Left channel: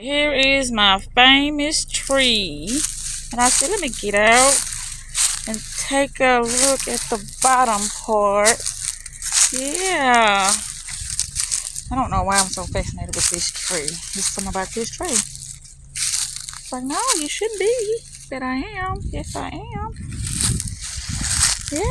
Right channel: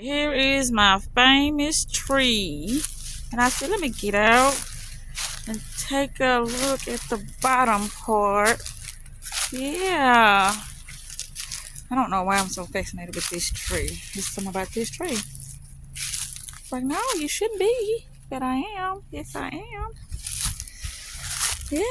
Here is my famous tree. And I said, let me get out and take a look at the bottom part. Yeah. I don't know why I'm so fascinated with this tree. There's something about this tree. It's like, no, you shouldn't be. But I am. Yes, I am. Yeah.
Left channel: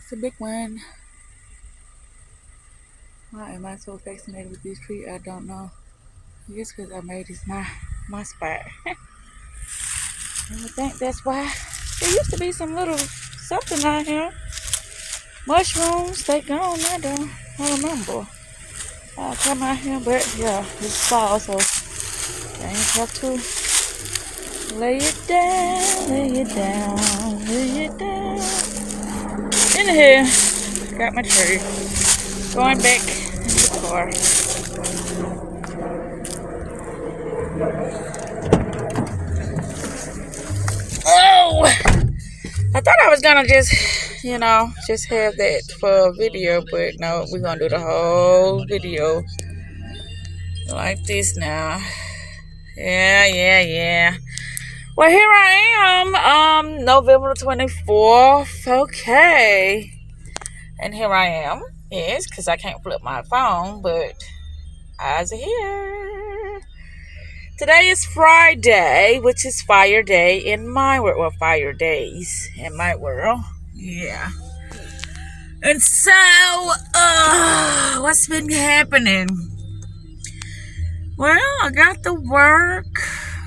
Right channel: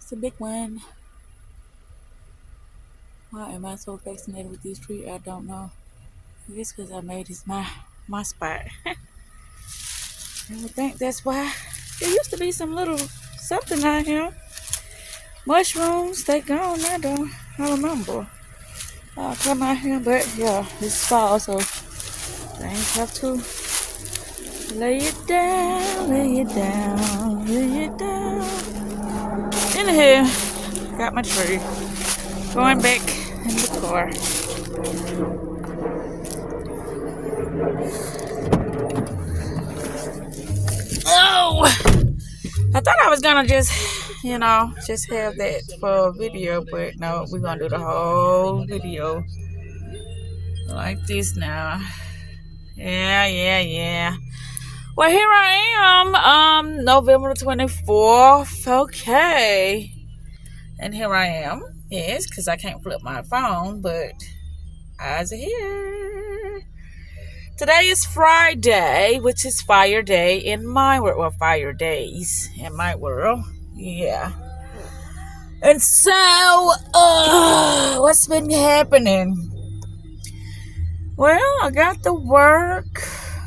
It's a big one. Why am I so fascinated with this tree? I don't know. I guess because I made this my spot. I think that's why. There used to be some little something out here. Mushrooms, they gone now though. I remember. I'll come out here, but yeah, it's fall, so I ain't have to lay it down, lay it down, lay it down. In here, got my tree. Going back in the car. Oh! I thought I was gonna just have that for a video, but no, we're gonna do the whole video like this now. Yeah. Well, here I am, November 24th, okay. And here I am, yes, because I can't flip my phone, but eyes are here. Today is Friday, which is Fire Day in my world, well, Fire Days in my world, yeah. And so, what's been happening? Well, I got to work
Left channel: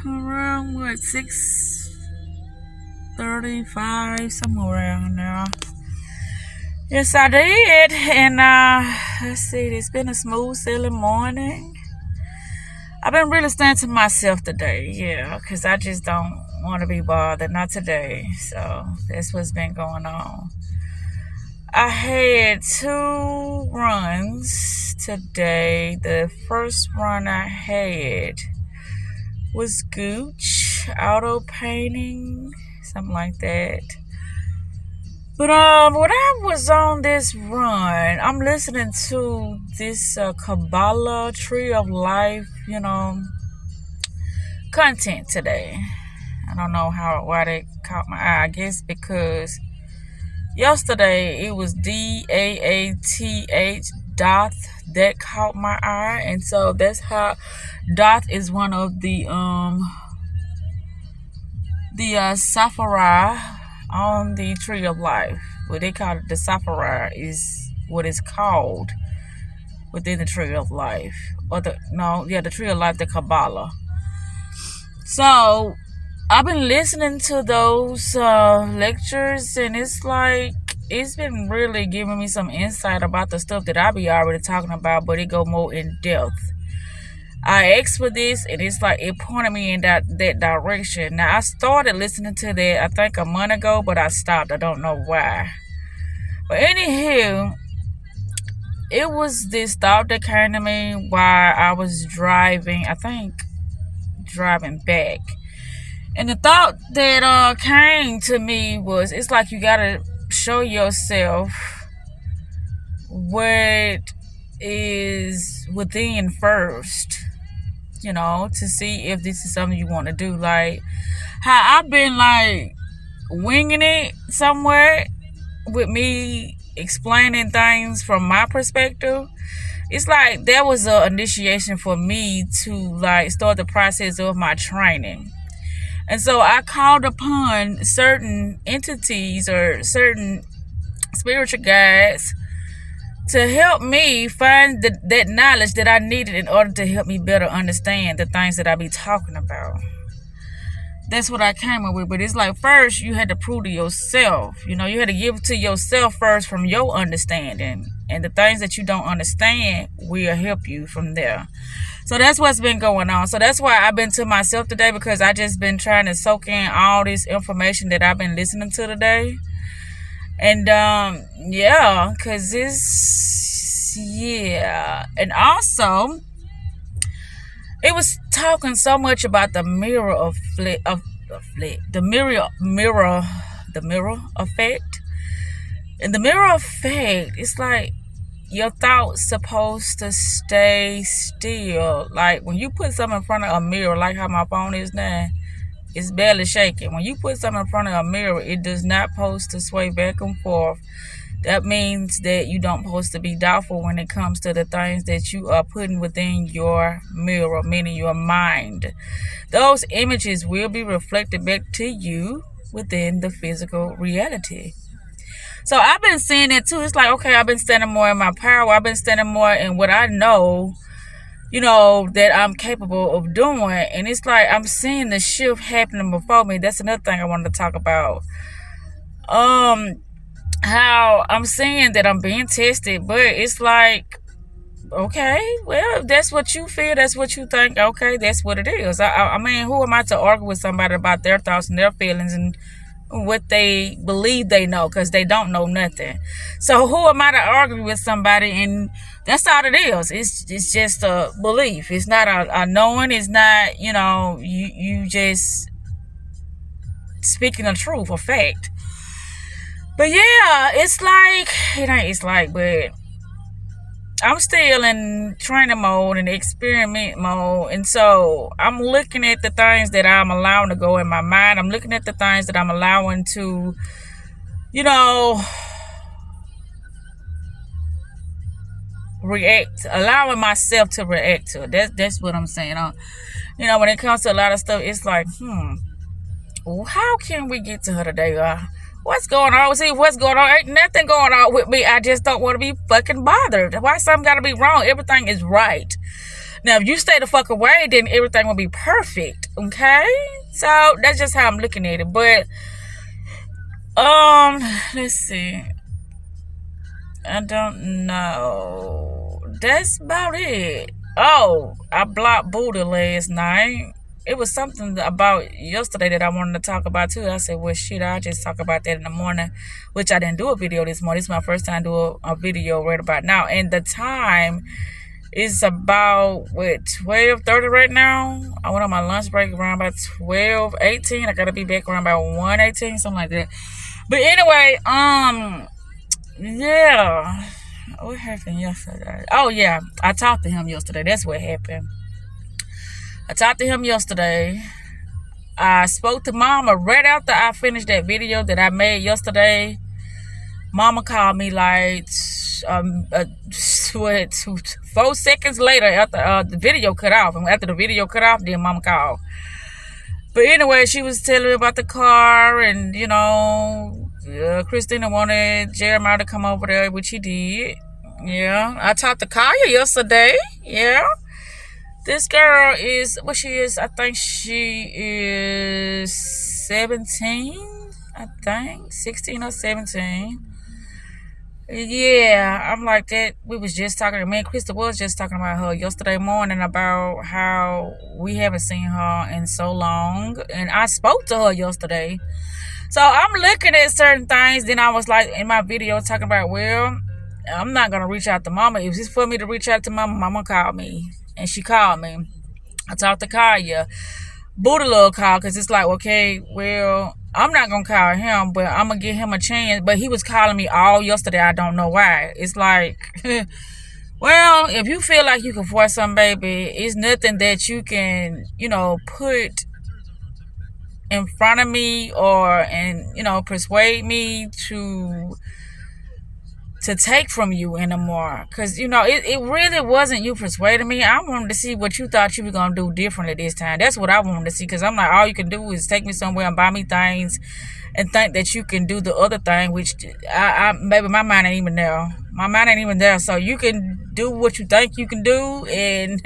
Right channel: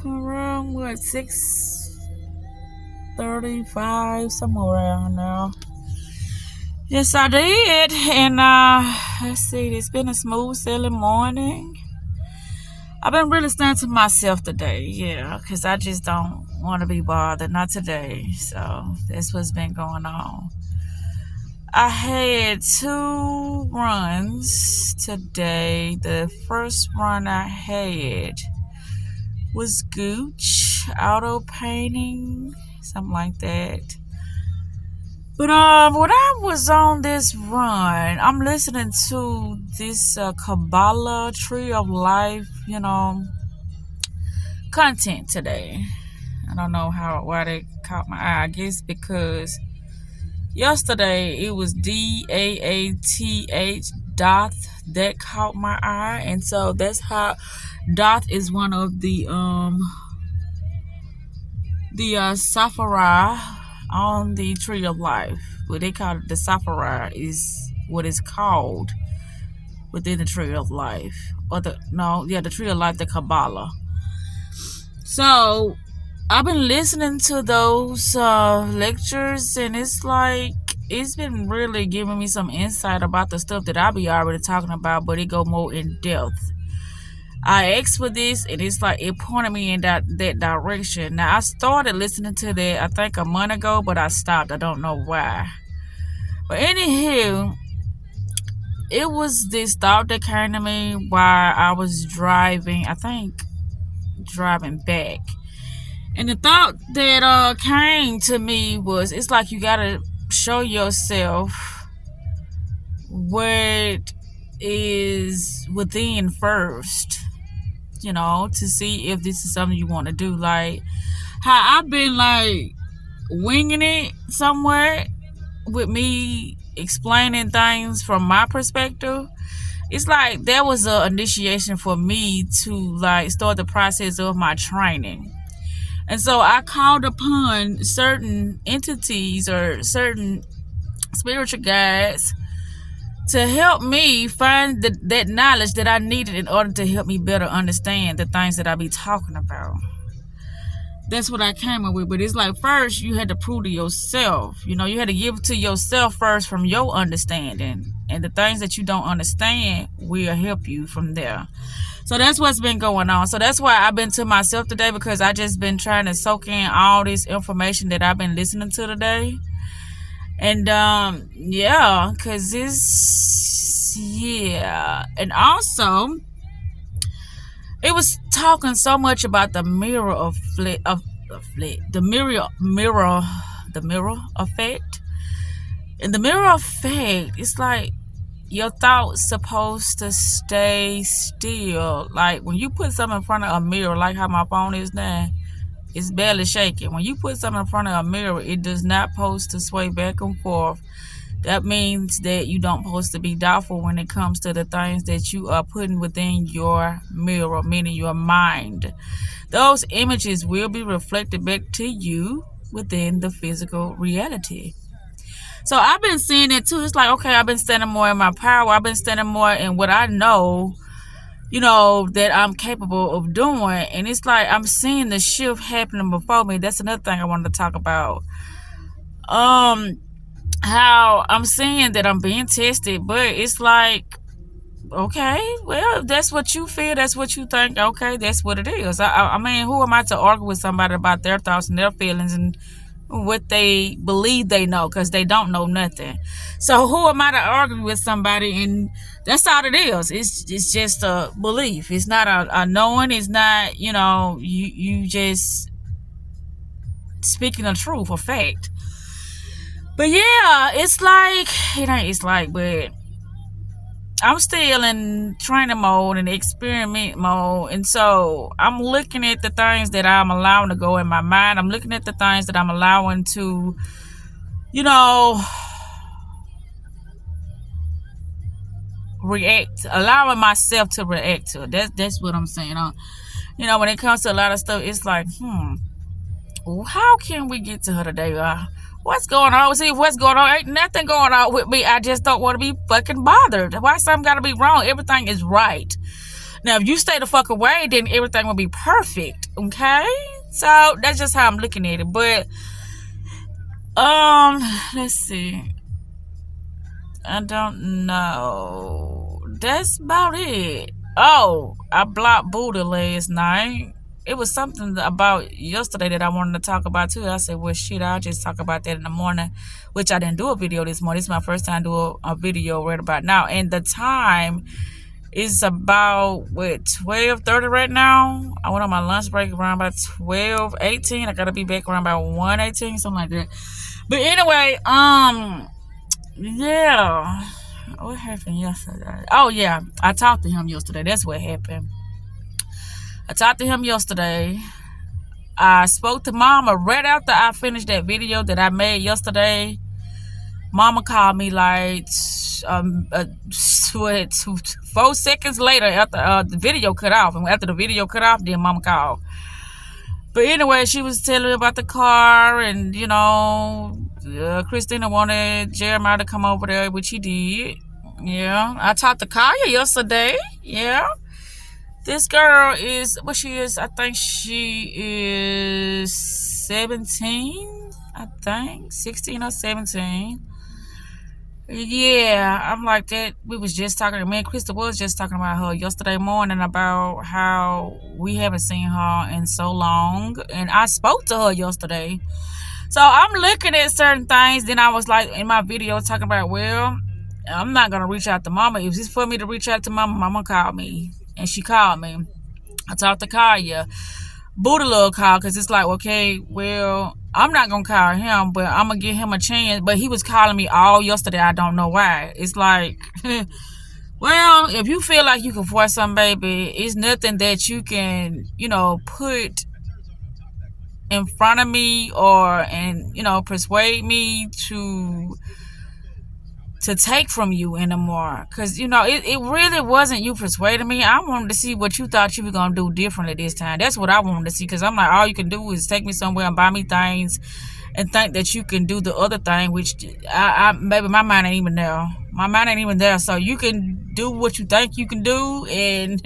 around, 6:35, somewhere around now. Yes, I did. And, let's see, it's been a smooth sailing morning. I've been really staying to myself today, yeah, because I just don't want to be bothered, not today. So, that's what's been going on. I had 2 runs today. The first run I had was Gooch auto painting, something like that. But when I was on this run, I'm listening to this Kabbalah Tree of Life, content today. I don't know why that caught my eye. I guess because yesterday it was DAATH Doth that caught my eye, and so that's how Doth is one of the Saphira on the Tree of Life. What they call it, the Saphira is what it's called within the Tree of Life, the Tree of Life, the Kabbalah. So I've been listening to those lectures, and it's been really giving me some insight about the stuff that I be already talking about, but it go more in depth. I asked for this, and it's like it pointed me in that direction. Now, I started listening to that, I think, a month ago, but I stopped. I don't know why. But anywho, it was this thought that came to me while I was driving back. And the thought that came to me was, it's like you gotta show yourself what is within first, to see if this is something you want to do. Like how I've been winging it somewhere with me explaining things from my perspective. It's like that was an initiation for me to start the process of my training. And so I called upon certain entities or certain spiritual guides to help me find that knowledge that I needed in order to help me better understand the things that I be talking about. That's what I came up with. But it's like, first you had to prove to yourself. You had to give it to yourself first from your understanding. And the things that you don't understand will help you from there. So that's what's been going on. So that's why I've been to myself today, because I just been trying to soak in all this information that I've been listening to today. And because and also it was talking so much about the mirror the mirror effect. And the mirror effect, it's like, your thoughts supposed to stay still. Like when you put something in front of a mirror, like how my phone is now, it's barely shaking. When you put something in front of a mirror, it does not supposed to sway back and forth. That means that you don't supposed to be doubtful when it comes to the things that you are putting within your mirror, meaning your mind. Those images will be reflected back to you within the physical reality. So I've been seeing it too. It's like, okay, I've been standing more in my power. I've been standing more in what I know, that I'm capable of doing. And it's like I'm seeing the shift happening before me. That's another thing I wanted to talk about. How I'm seeing that I'm being tested, but it's like, okay, well, if that's what you feel, that's what you think, okay, that's what it is. I mean, who am I to argue with somebody about their thoughts and their feelings and what they believe they know, because they don't know nothing. So who am I to argue with somebody? And that's all it is. It's just a belief. It's not a knowing. It's not, you just speaking the truth or fact. But yeah, but I'm still in training mode and experiment mode. And so I'm looking at the things that I'm allowing to go in my mind. I'm looking at the things that I'm allowing to, allowing myself to react to. That's what I'm saying. When it comes to a lot of stuff, it's like, how can we get to her today? What's going on? See, what's going on? Ain't nothing going on with me. I just don't want to be fucking bothered. Why something got to be wrong? Everything is right. Now, if you stay the fuck away, then everything will be perfect. Okay? So, that's just how I'm looking at it. But, let's see. I don't know. That's about it. Oh, I blocked Buddha last night. It was something about yesterday that I wanted to talk about too. I said, well, shit, I'll just talk about that in the morning, which I didn't do a video this morning. This is my first time doing a video right about now. And the time is about, 12:30 right now. I went on my lunch break around about 12:18. I got to be back around about 1:18, something like that. But anyway, yeah. What happened yesterday? Oh, yeah. I talked to him yesterday. That's what happened. I talked to him yesterday. I spoke to Mama right after I finished that video that I made yesterday. Mama called me like 4 seconds later after the video cut off. And after the video cut off, then Mama called. But anyway, she was telling me about the car and, Christina wanted Jeremiah to come over there, which he did. Yeah. I talked to Kaya yesterday. Yeah. This girl is, what she is, I think she is 17, 16 or 17. Yeah, I'm like that. We was just talking, me and Krista was just talking about her yesterday morning about how we haven't seen her in so long. And I spoke to her yesterday. So I'm looking at certain things. Then I was like, in my video, talking about, well, I'm not going to reach out to Mama. If it's for me to reach out to Mama, Mama called me. And she called me. I talked to Kaya. Buddha Love called because it's like, okay, well, I'm not going to call him, but I'm going to give him a chance. But he was calling me all yesterday. I don't know why. It's like, well, if you feel like you can force something, baby, it's nothing that you can, put in front of me and persuade me to take from you anymore. Because, it really wasn't you persuading me. I wanted to see what you thought you were going to do differently this time. That's what I wanted to see. Because I'm like, all you can do is take me somewhere and buy me things and think that you can do the other thing, which maybe my mind ain't even there. My mind ain't even there. So you can do what you think you can do, and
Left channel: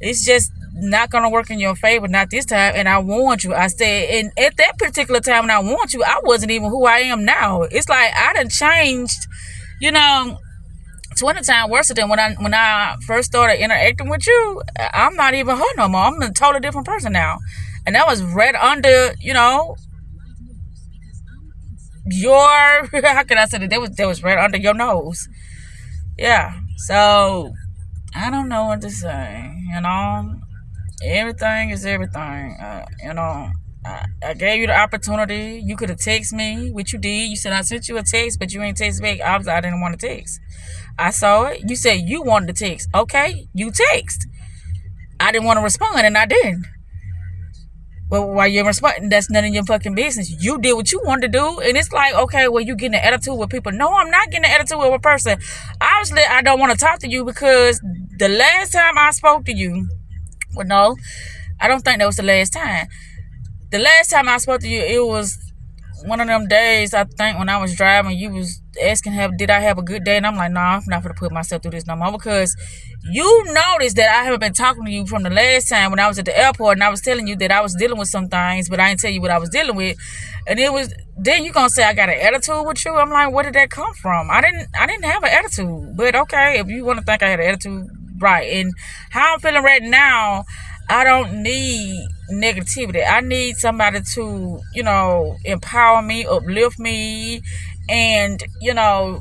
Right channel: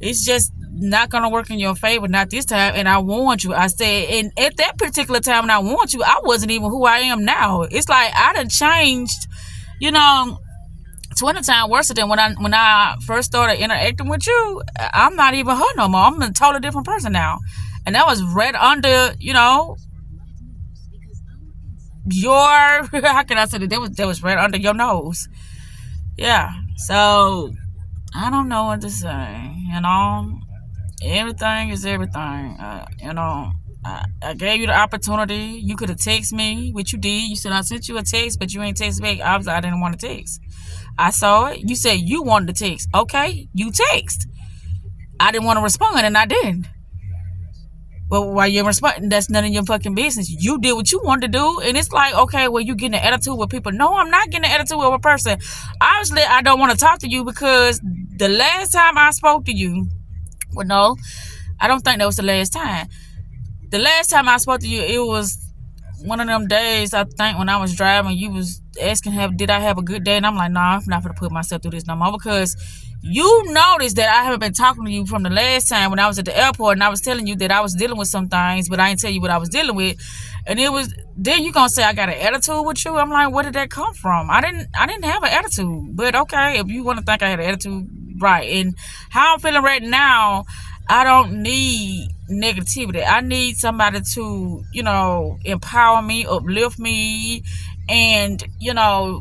it's just not going to work in your favor, not this time. And I warned you. I said, and at that particular time when I warned you, I wasn't even who I am now. It's like I done changed, 20 times worse than when I first started interacting with you. I'm not even her no more. I'm a totally different person now. And that was right under, your, how can I say that? That was right under your nose. Yeah. So, I don't know what to say, Everything is everything. I gave you the opportunity. You could have texted me, which you did. You said I sent you a text, but you ain't text back. Obviously, I didn't want to text. I saw it. You said you wanted to text. Okay, you text. I didn't want to respond, and I didn't. But while you're responding, that's none of your fucking business. You did what you wanted to do, and it's like, okay, well, you getting an attitude with people. No, I'm not getting an attitude with a person. Obviously, I don't want to talk to you because the last time I spoke to you, well, no, I don't think that was the last time. The last time I spoke to you, it was one of them days, I think, when I was driving. You was asking, did I have a good day? And I'm like, no, I'm not going to put myself through this no more, because you noticed that I haven't been talking to you from the last time when I was at the airport, and I was telling you that I was dealing with some things, but I didn't tell you what I was dealing with. And it was, then you gonna say I got an attitude with you? I'm like, where did that come from? I didn't have an attitude. But okay, if you want to think I had an attitude, right. And how I'm feeling right now, I don't need negativity. I need somebody to, empower me, uplift me, and,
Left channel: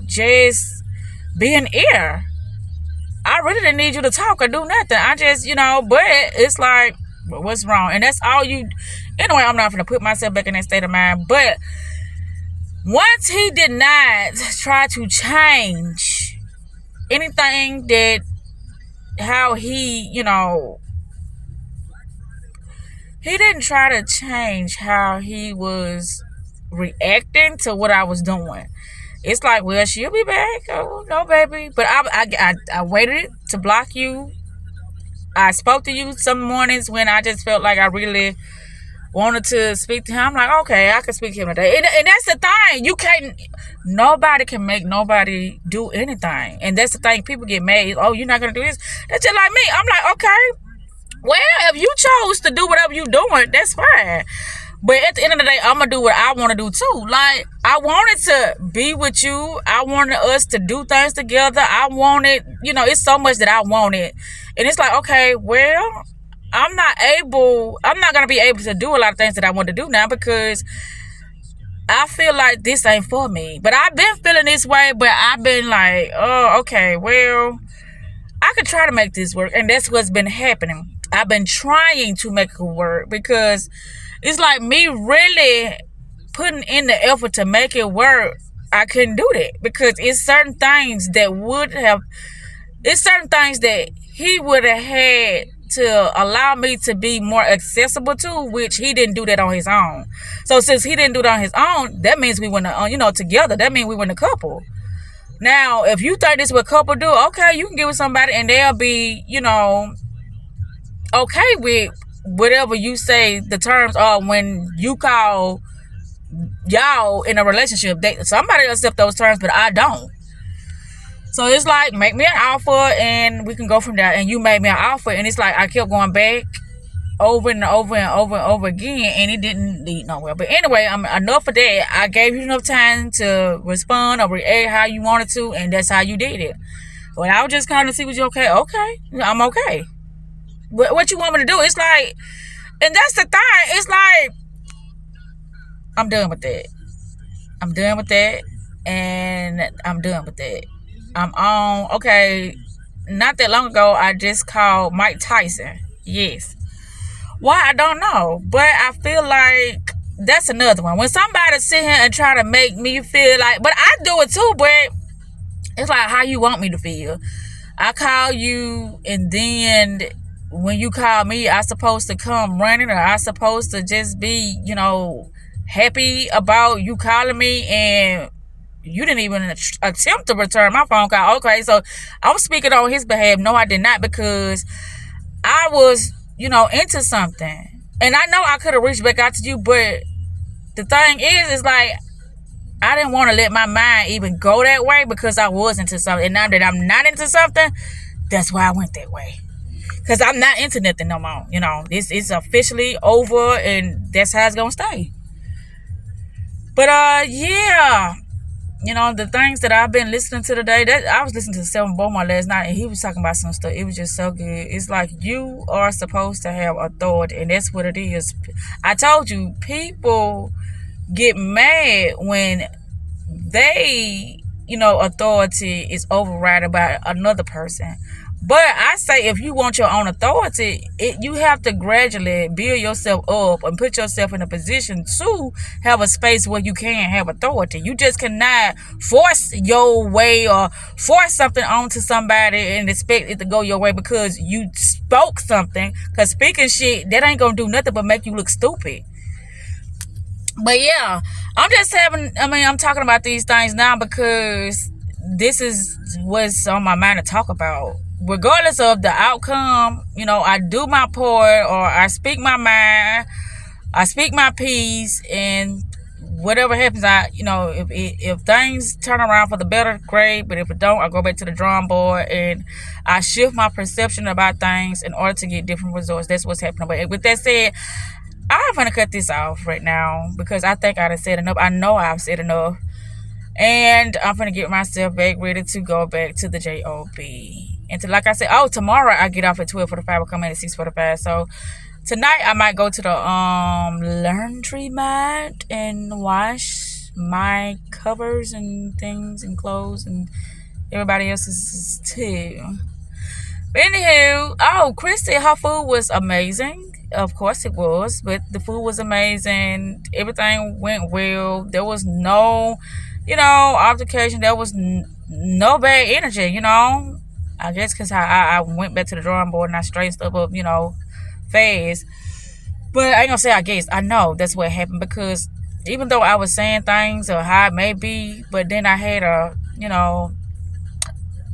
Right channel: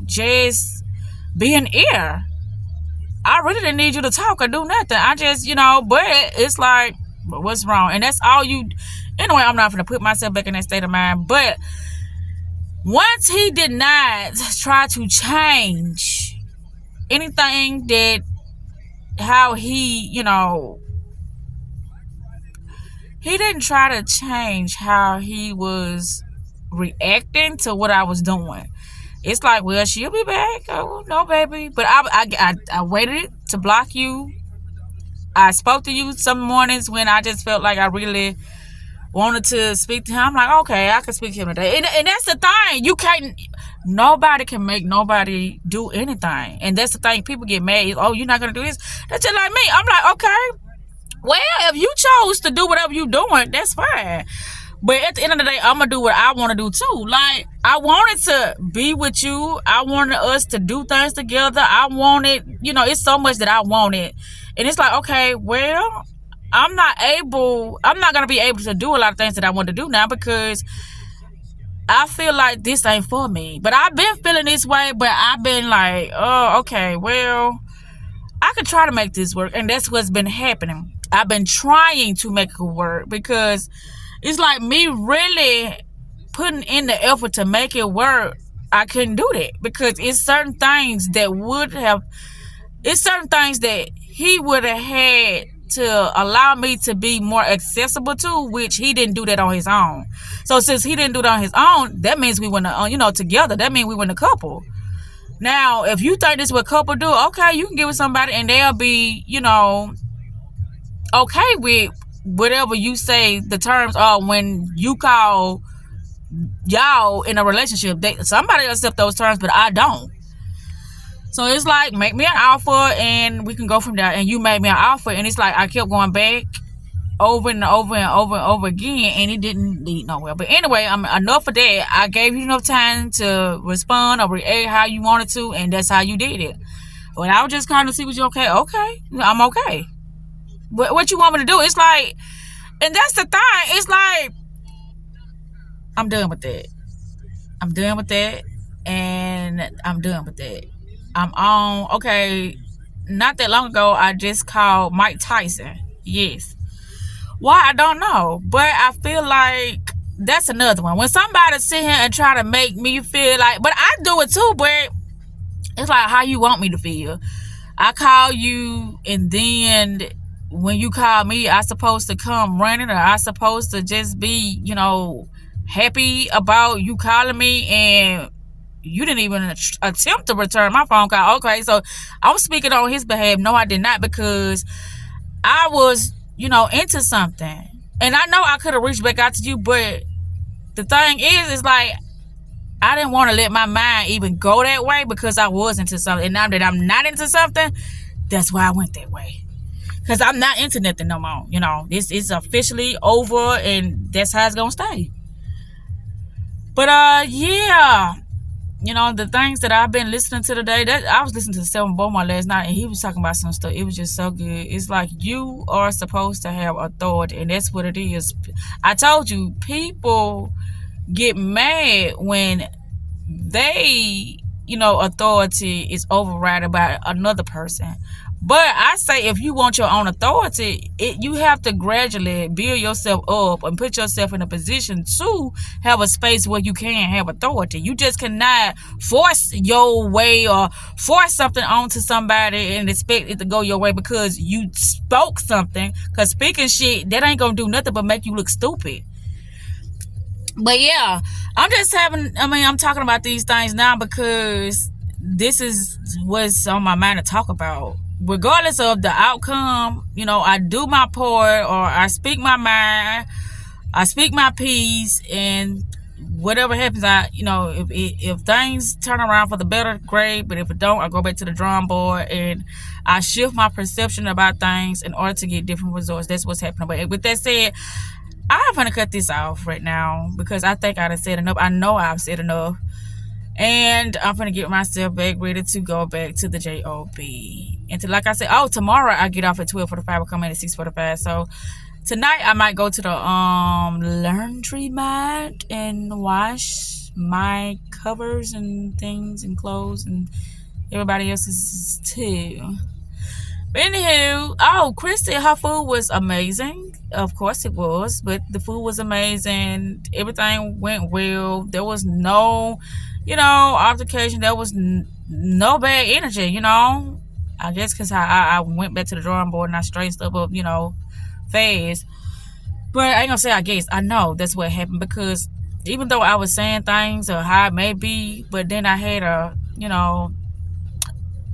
just be an ear. I really didn't need you to talk or do nothing. I just, but it's like, what's wrong? And that's all you. Anyway, I'm not going to put myself back in that state of mind. But once he did not try to change anything that, how he, he didn't try to change how he was reacting to what I was doing. It's like, well, she'll be back. Oh, no, baby. But I waited to block you. I spoke to you some mornings when I just felt like I really wanted to speak to him. I'm like, okay, I can speak to him today. And that's the thing. You can't, nobody can make nobody do anything. And that's the thing. People get mad. Oh, you're not going to do this? That's just like me. I'm like, okay, well, if you chose to do whatever you're doing, that's fine. But at the end of the day, I'm going to do what I want to do too. Like, I wanted to be with you. I wanted us to do things together. I wanted, it's so much that I wanted. And it's like, okay, well, I'm not going to be able to do a lot of things that I want to do now, because I feel like this ain't for me. But I've been feeling this way, but I've been like, oh, okay, well, I could try to make this work. And that's what's been happening. I've been trying to make it work, because it's like me really putting in the effort to make it work. I couldn't do that, because it's certain things that he would have had to allow me to be more accessible to, which he didn't do that on his own. So since he didn't do that on his own, that means we went, together. That means we went a couple. Now, if you think this is what couple do, okay, you can get with somebody and they'll be, okay with whatever you say the terms are when you call y'all in a relationship. Somebody accept those terms, but I don't. So it's like, make me an offer and we can go from there. And you made me an offer, and it's like I kept going back over and over and over and over again, and it didn't lead nowhere. But anyway, enough of that. I gave you enough time to respond or react how you wanted to, and that's how you did it. But I was just kind of see what you okay. Okay, I'm okay. What you want me to do? It's like, and that's the thing. It's like, I'm done with that. I'm done with that, and I'm done with that. I'm on. Okay, not that long ago, I just called Mike Tyson. Yes. Why? I don't know. But I feel like that's another one. When somebody sit here and try to make me feel like, but I do it too, but it's like how you want me to feel. I call you, and then when you call me, I supposed to come running, or I supposed to just be, happy about you calling me, and you didn't even attempt to return my phone call. Okay, so I'm speaking on his behalf. No, I did not, because I was, into something. And I know I could have reached back out to you, but the thing is like, I didn't want to let my mind even go that way, because I was into something. And now that I'm not into something, that's why I went that way. Because I'm not into nothing no more. It's officially over, and that's how it's going to stay. But, yeah. The things that I've been listening to today, that I was listening to Seven Beaumont last night, and he was talking about some stuff. It was just so good. It's like, you are supposed to have authority, and that's what it is. I told you, people get mad when they, authority is overridden by another person. But I say if you want your own authority, you have to gradually build yourself up and put yourself in a position to have a space where you can have authority. You just cannot force your way or force something onto somebody and expect it to go your way because you spoke something. Because speaking shit, that ain't going to do nothing but make you look stupid. But yeah, I'm talking about these things now because this is what's on my mind to talk about. Regardless of the outcome, I do my part or I speak my mind, I speak my piece, and whatever happens, if things turn around for the better, great. But if it don't, I go back to the drawing board and I shift my perception about things in order to get different results. That's what's happening. But with that said, I'm gonna cut this off right now because I think I've said enough. I know I've said enough. And I'm gonna get myself back ready to go back to the job. And like I said, tomorrow I get off at 12:45. I come in at 6:45. So tonight I might go to the laundromat and wash my covers and things and clothes and everybody else's too. But anywho, Chris said her food was amazing. Of course it was, but the food was amazing. Everything went well. There was no altercation. There was no bad energy, I guess because I went back to the drawing board and I straightened stuff up, fast. But I ain't gonna say I guess. I know that's what happened because even though I was saying things or how it may be, but then I had a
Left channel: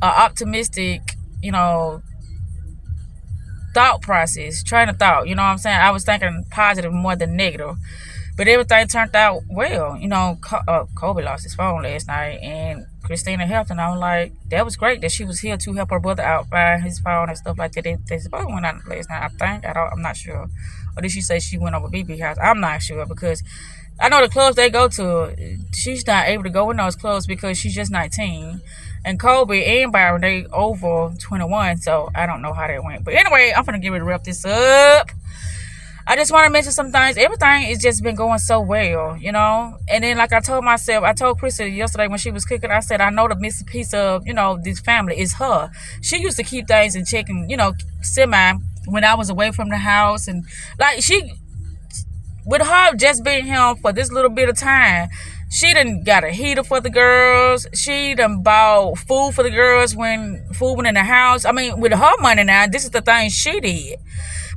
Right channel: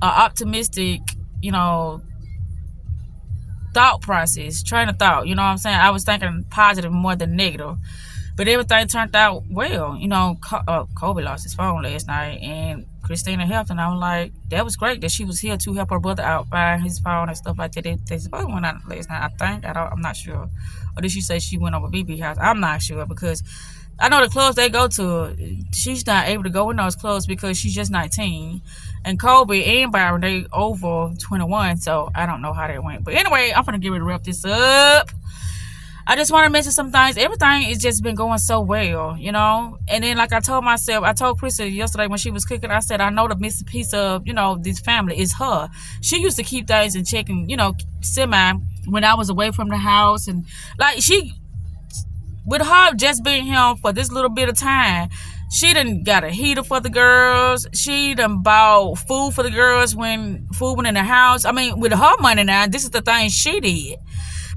optimistic, thought process, train of thought. You know what I'm saying? I was thinking positive more than negative. But everything turned out well. Kobe lost his phone last night and Christina helped, and I was like, that was great that she was here to help her brother out find his phone and stuff like that. They supposed to went out last night, I think. I'm not sure. Or did she say she went over BB house? I'm not sure because I know the clubs they go to, she's not able to go in those clubs because she's just 19. And Kobe and Byron, they over 21, so I don't know how that went. But anyway, I'm going to get ready to wrap this up. I just want to mention some things. Everything has just been going so well, And then, like I told Krista yesterday when she was cooking, I said, I know the missing piece of, this family is her. She used to keep things in check and, semi when I was away from the house. And, with her just being here for this little bit of time, she done got a heater for the girls. She done bought food for the girls when food went in the house. I mean, with her money now, this is the thing she did.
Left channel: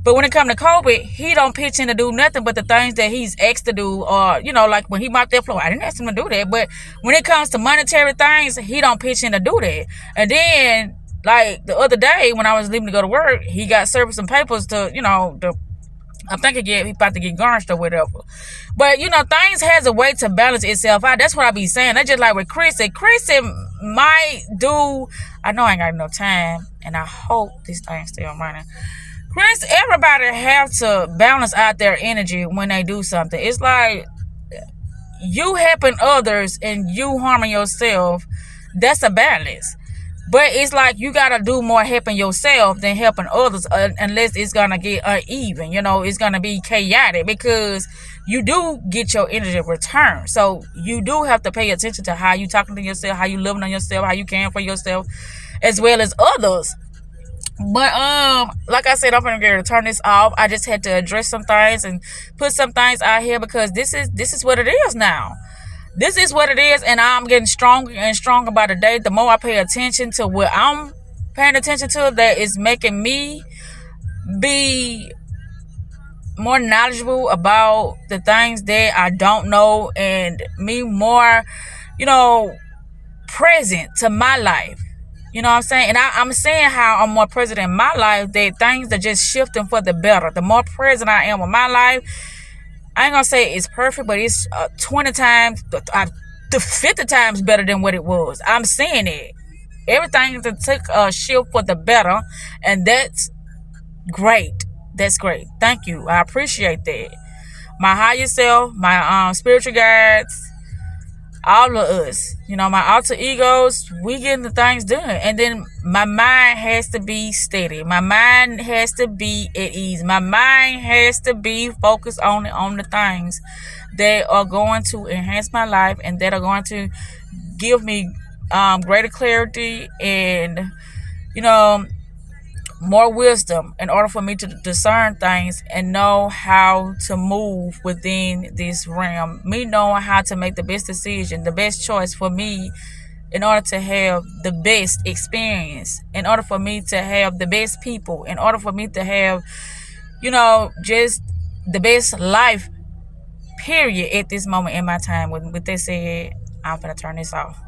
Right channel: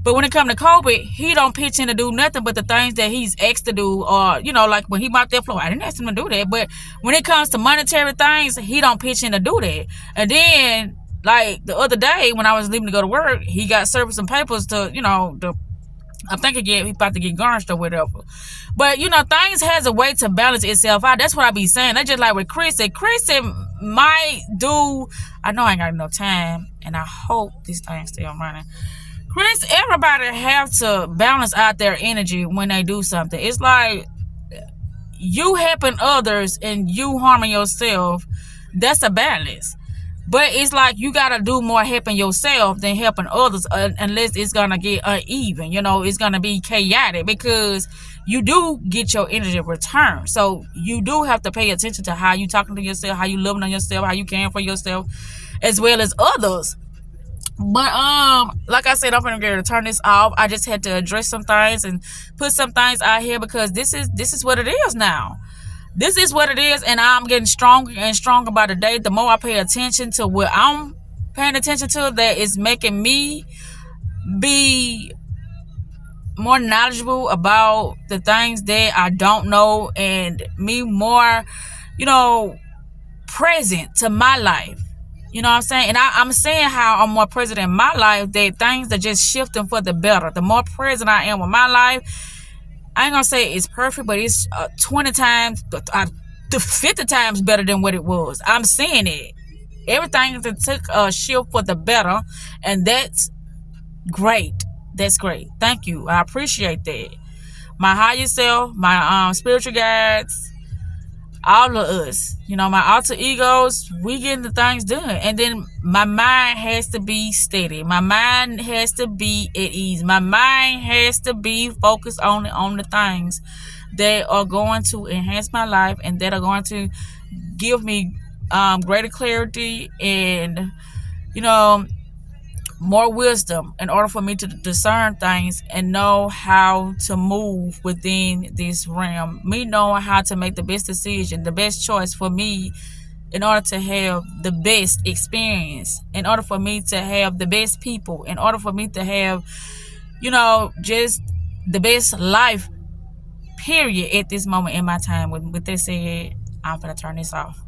But when it come to Kobe, he don't pitch in to do nothing but the things that he's asked to do. Or, like when he mopped that floor, I didn't ask him to do that. But when it comes to monetary things, he don't pitch in to do that. And then, like the other day when I was leaving to go to work, he got served some papers to, I think he about to get garnished or whatever. But, things has a way to balance itself out. That's what I be saying. That's just like with Chris. Chris might do, I know I ain't got enough time. And I hope this thing's still running. Chris, everybody have to balance out their energy when they do something. It's like you helping others and you harming yourself. That's a balance. But it's like you got to do more helping yourself than helping others unless it's going to get uneven. It's going to be chaotic because you do get your energy returned. So you do have to pay attention to how you talking to yourself, how you living on yourself, how you caring for yourself, as well as others. But like I said, I'm gonna get to turn this off. I just had to address some things and put some things out here because this is what it is now. This is what it is, and I'm getting stronger and stronger by the day. The more I pay attention to what I'm paying attention to, that is making me be more knowledgeable about the things that I don't know, and me more, present to my life. You know what I'm saying? And I'm saying how I'm more present in my life, that things are just shifting for the better. The more present I am with my life, I ain't going to say it's perfect, but it's 20 times, 50 times better than what it was. I'm seeing it. Everything to take a shift for the better, and that's great. That's great. Thank you. I appreciate that. My higher self, my spiritual guides, all of us, my alter egos, we getting the things done. And then my mind has to be steady. My mind has to be at ease. My mind has to be focused on the things that are going to enhance my life and that are going to give me greater clarity and, more wisdom in order for me to discern things and know how to move within this realm. Me knowing how to make the best decision, the best choice for me in order to have the best experience, in order for me to have the best people, in order for me to have, just the best life, period, at this moment in my time. With that said, I'm going to turn this off.